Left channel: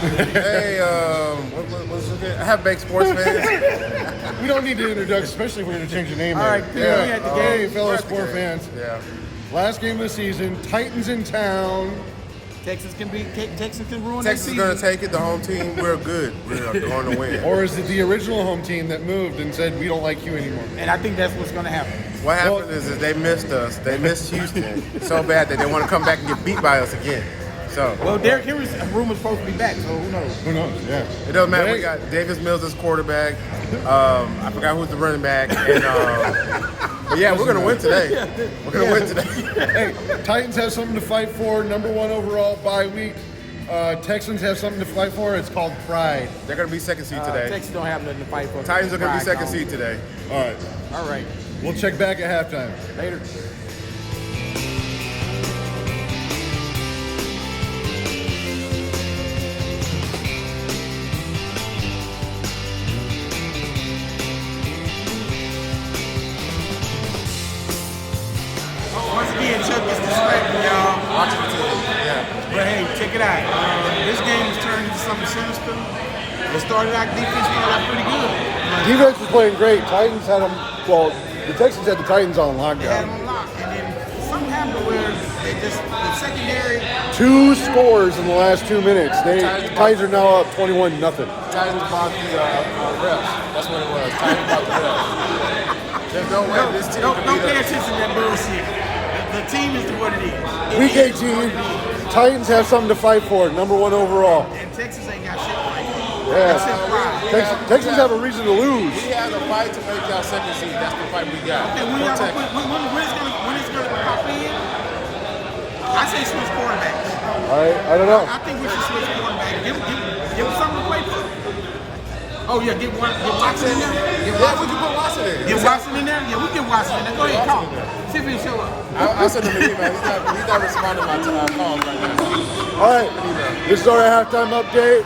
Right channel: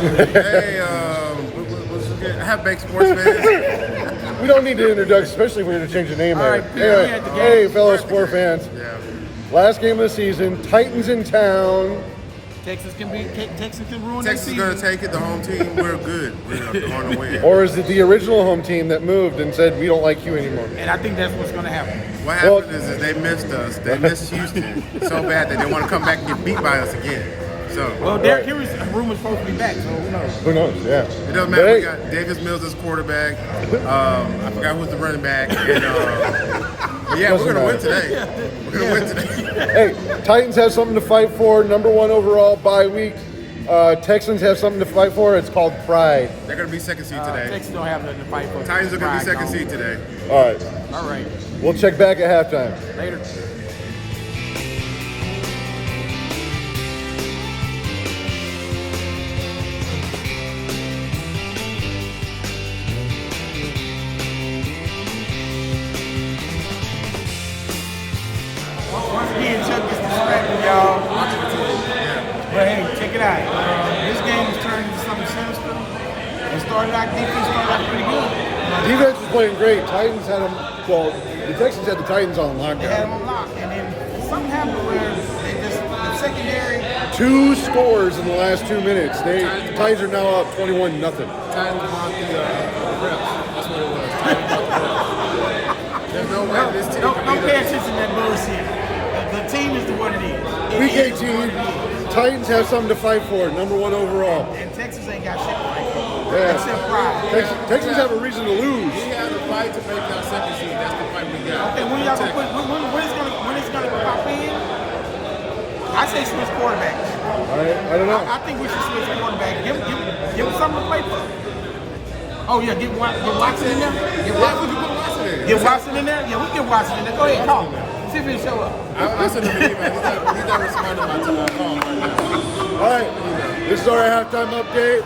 Hey, what's it? I have baked sports fans. We don't need to introduce, especially if we're going to change the name. All right, of it. people, we at the game. Hey, fellow sport fans. Yeah. Last game of the season, Titans in town. Texas can ruin their season. Texas is going to take it. The home team, we're good. We're going to win. Or is it the original home team that moved and said, we don't like you anymore? And I think that's what's going to happen. What happened is they missed us. They missed Houston so bad that they want to come back and get beat by us again. So, Well, Derrick Henry's rumor's supposed to be back, so who knows? Who knows? Yeah. it doesn't matter. We got Davis Mills as quarterback. I forgot who's the running back. And, but yeah, we're going to win today. We're going to win today. Hey, Titans have something to fight for. Number 1 overall bye week. Texans have something to fight for. It's called pride. They're going to be second seed today. Texas don't have nothing to fight for. Titans are going to be second Pride seed today. All right. gone. All right. We'll check back at halftime. Later. Once again, check this display, y'all. Watching the team. Yeah. But hey, check it out. This game is turning into something sinister. It started out pretty good. Defense was playing great. Titans had them. Well, the Texans had the Titans on They had them lockdown. locked, and then something happened where they just the secondary. 2 scores in the last 2 minutes. The guys are now up 21-0. Titans bought the refs. That's what it was. Titans bought the refs. There's no way this team Don't can pay beat us. attention to that bullshit. The team is what it is. Week 18, Titans have something to fight for. Number 1 overall. And Texas ain't got shit. Yeah. That's their problem. Texans have a reason to lose. We had a fight to make y'all second seed. That's the fight we got. Okay, when it's gonna pop in? I say switch quarterbacks. I don't know. I think we should switch quarterbacks. Give him something to play for. Oh yeah, get Watson in there. Yeah, we can put Watson in. Get Watson in there. Yeah, we get Watson in there. Go ahead, call him. See if he show up. I sent him an email. He's not responding to my calls right now. All right, this is our halftime update.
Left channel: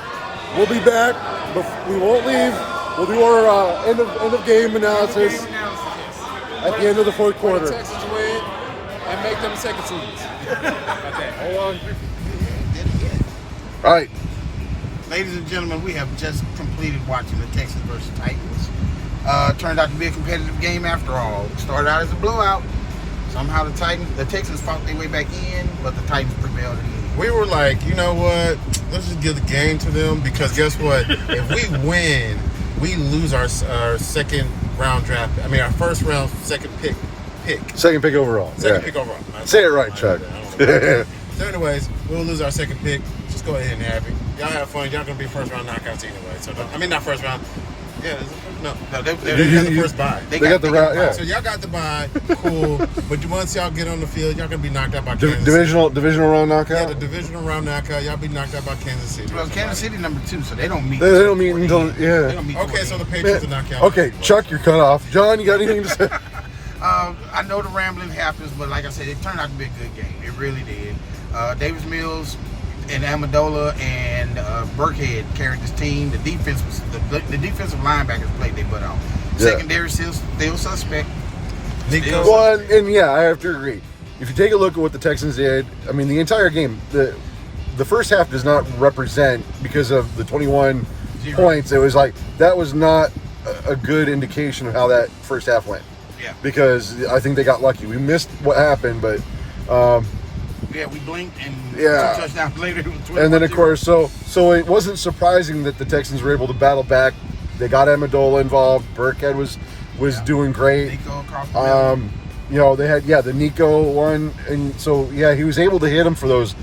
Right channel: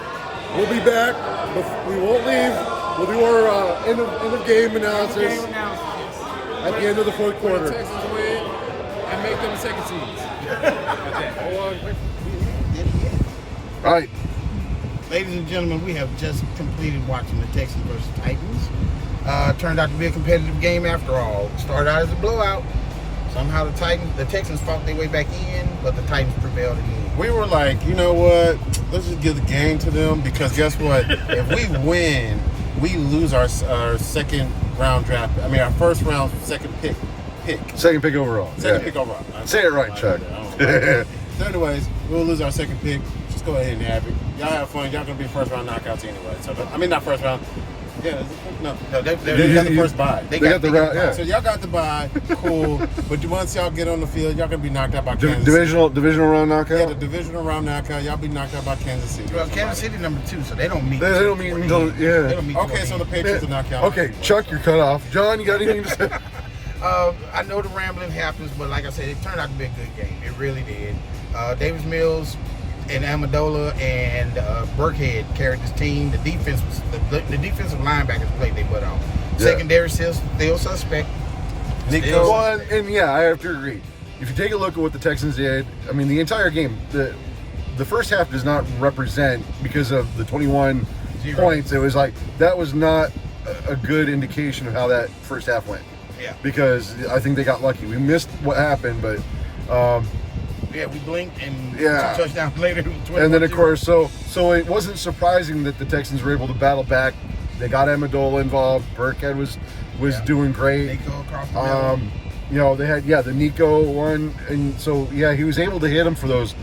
We'll be back, but we won't leave. We'll do our end of game analysis at the end of the fourth When the quarter. Texans win and make them second seeds. Okay, hold on. All right. Ladies and gentlemen, we have just completed watching the Texans versus Titans. Turned out to be a competitive game after all. Started out as a blowout. Somehow the Texans fought their way back in, but the Titans prevailed in the end. We were like, you know what? Let's just give the game to them because guess what? If we win, we lose our second round draft. I mean, our first round second pick. Second pick overall. Second Yeah. pick overall. Say it right, Chuck. So anyways, we'll lose our second pick. Just go ahead and have it. Y'all have fun. Y'all gonna be first round knockouts anyway. So I mean, not first round. Yeah, no, they got the first bye. They got the round. Yeah. So y'all got the bye, cool. But once y'all get on the field, y'all gonna be knocked out by Kansas City. Divisional round Yeah, knockout. the divisional round knockout. Y'all be knocked out by Kansas City. Well, Kansas City number 2, so they don't meet. They don't meet until They yeah. don't meet. Okay, so the Patriots are knocked out. Okay, Chuck, you're cut off. John, you got anything to say? I know the rambling happens, but like I said, it turned out to be a good game. It really did. Davis Mills and Amendola and Burkhead carried this team. The defense was the defensive linebackers played their butt off. Yeah. Secondary still suspect. Nico. Well, and yeah, I have to agree. If you take a look at what the Texans did, I mean, the entire game, the first half does not represent because of the 21 points. It was like that was not a good indication of how that first half went. Yeah. Because I think they got lucky. We missed what happened, but Yeah, we blinked and Yeah. 2 touchdowns later. It was and then of 21-0. course, so it wasn't surprising that the Texans were able to battle back. They got Amendola involved. Burkhead was doing great. Nico across the middle. You know, they had the Nico one, and so yeah, he was able to hit him for those,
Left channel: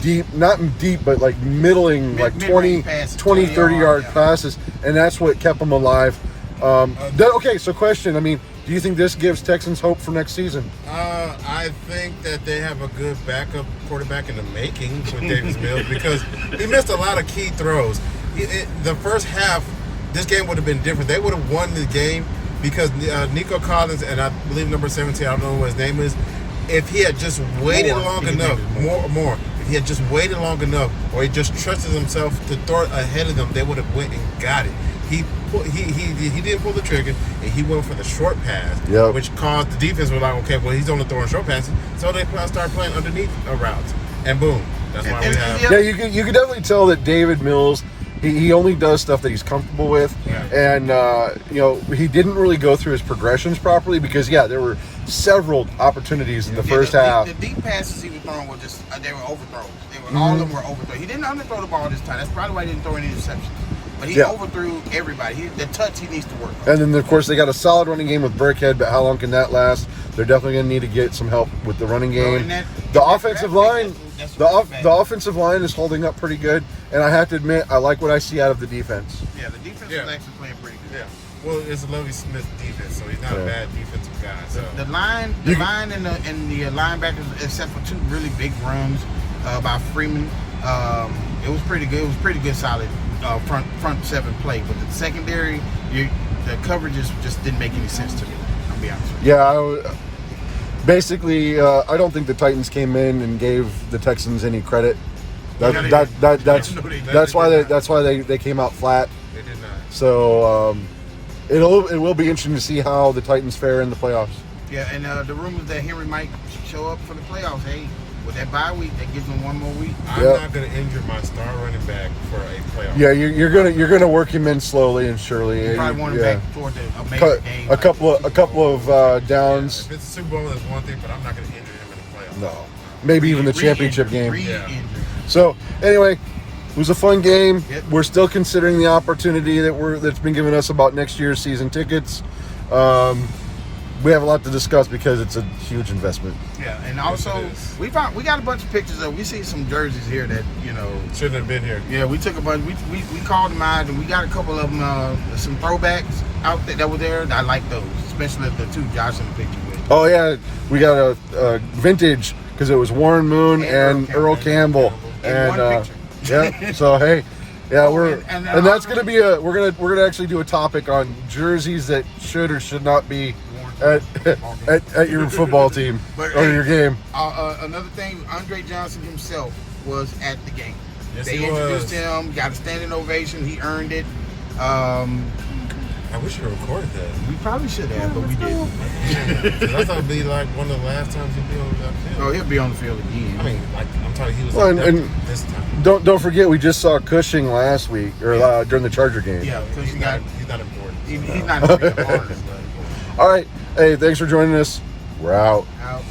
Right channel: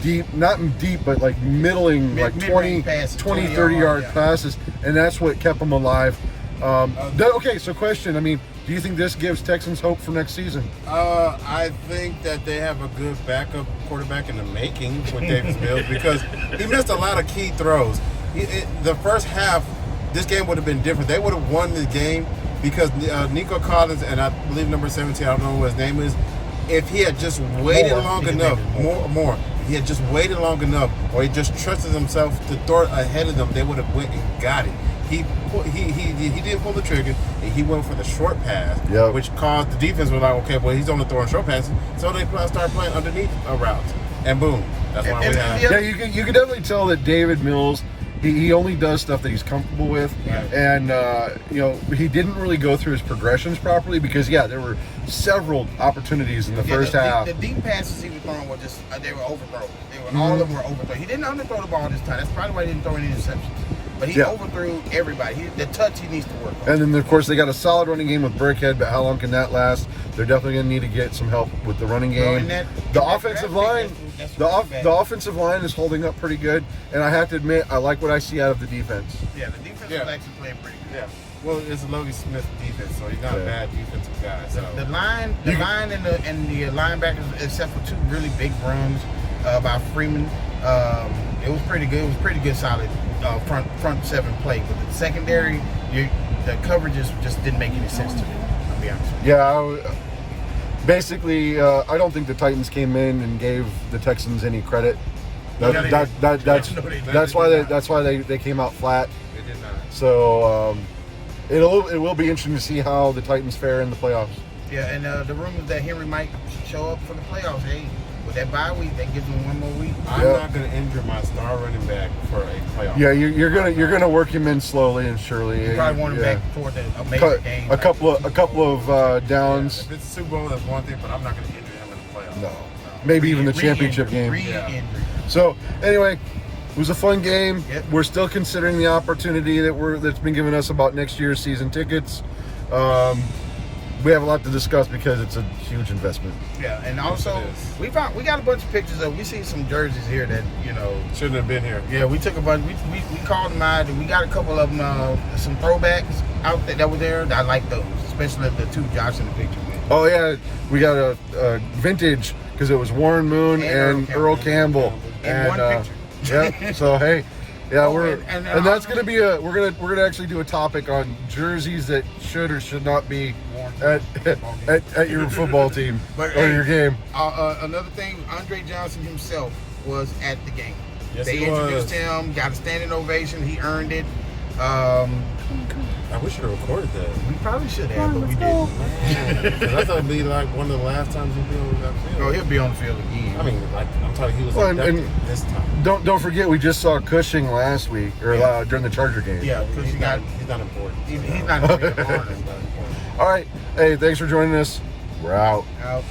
deep, not deep, but like middling, like 20, mid-range passes, 20, 20 30 yard yeah. passes, and that's what kept him alive. Okay, so question, I mean, do you think this gives Texans hope for next season? I think that they have a good backup quarterback in the making with Davis Mills because he missed a lot of key throws. The first half, this game would have been different. They would have won the game because Nico Collins and I believe number 17, I don't know what his name is, if he had just waited long enough, he had just waited long enough, or he just trusted himself to throw it ahead of them, they would have went and got it. He did pull the trigger, and he went for the short pass, Yep. which caused the defense was like, okay, well, he's only throwing short passes, so they started playing underneath routes, and boom, That's why And- we have. and- Yeah, you can definitely tell that David Mills, he only does stuff that he's comfortable with, and he didn't really go through his progressions properly because there were several opportunities in the first half. The deep passes he was throwing were just they were overthrows. All of them were overthrows. He didn't underthrow the ball this time. That's probably why he didn't throw any interceptions. But he overthrew everybody. The touch he needs to work on. And then, of course, they got a solid running game with Burkhead, but how long can that last? They're definitely going to need to get some help with the running game. The offensive line, the offensive line is holding up pretty good, and I have to admit, I like what I see out of the defense. Yeah, the defense is actually playing pretty good. Yeah. Well, it's a Lovie Smith defense, so he's not a bad defensive guy. So. The line and the linebackers, except for two really big runs by Freeman, it was pretty good. It was pretty good, solid front seven play. But the secondary, the coverages just didn't make any sense to me. I'll be honest with you. Yeah, basically, I don't think the Titans came in and gave the Texans any credit. That's why they came out flat. They did not. So it will be interesting to see how the Titans fare in the playoffs. Yeah, and the rumors that Henry might show up for the playoffs. Hey, with that bye week, that gives them one more week. I'm not going to injure my star running back for a playoff. Yeah, you're gonna work him in slowly and surely. You probably want him back toward the amazing game. A couple of downs. If it's a Super Bowl, that's one thing, but I'm not going to injure him in the playoffs. No, maybe even the championship game. Re-injury. So anyway, it was a fun game. Yep. We're still considering the opportunity that's been given us about next year's season tickets. We have a lot to discuss because it's a huge investment. Yeah, and also we got a bunch of pictures of. We see some jerseys here that Shouldn't have been here. Yeah, we took a bunch. We called them out, and we got a couple of them. Some throwbacks out there that were there. I like those, especially the two Josh in the picture with. Oh yeah, we got a vintage because it was Warren Moon and Earl Campbell. In one picture. Yeah. So hey, yeah, and that's gonna be we're gonna actually do a topic on jerseys that should or should not be at your football team or your game. Another thing, Andre Johnson himself was at the game. Yes, They he introduced was. him, got a standing ovation. He earned it. I wish you recorded that. We probably should have, but we didn't. Because I thought it'd be like one of the last times he'd be on that field. Oh, he'll be on the field again. I mean, like I'm talking, he was Well, like and- this time. Don't forget we just saw Cushing last week or during the Charger game. Yeah, because He's not important. he's not a real part of it. All right. Hey, thanks for joining us. We're out. Out.